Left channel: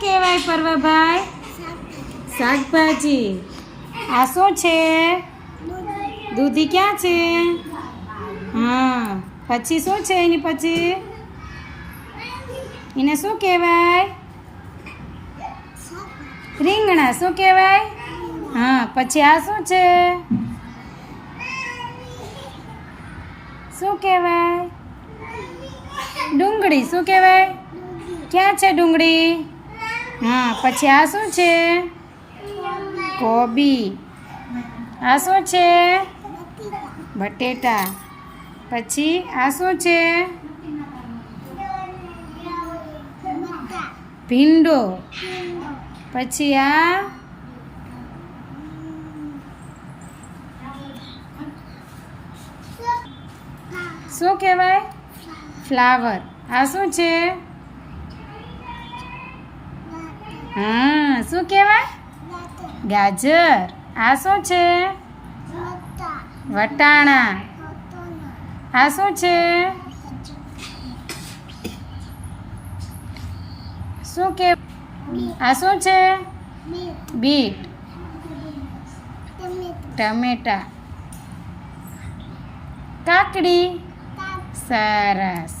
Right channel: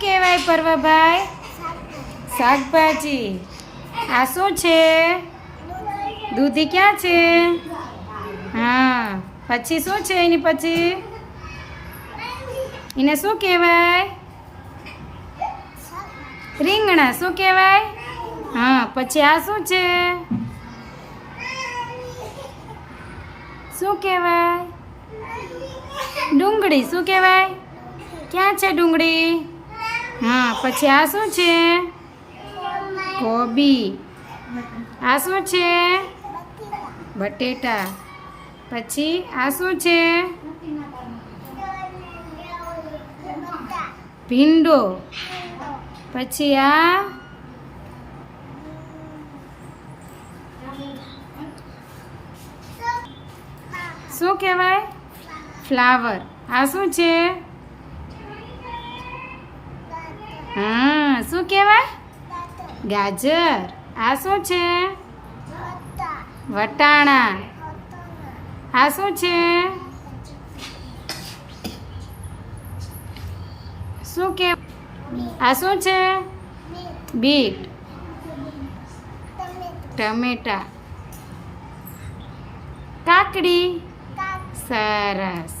કહેવાય પરવાભાઈ? શાકભાજી. આ શું છે? દૂધી ક્યાં છે? હા, પછી શું છે એની પછી? એને શું કહેવાય? રીંગણા શું કહેવાય? હા, પછી આ શું છે? શું કહેવાય? ડુંગળી શું કહેવાય? ક્યાં છે ડુંગળી? હા, પછી આ શું છે? કોબી. આ શું છે? બટેટા. પછી આ શું છે? ભીંડો. પછી આ? શું કહેવાય? ફ્લાવર. આ શું છે? હા, શું કહેવાય? ગાજર. આ શું છે? વટાણા. આ શું છે? શું કે આ શું છે? બીટ. ટમેટા. કાકડી. સરસ.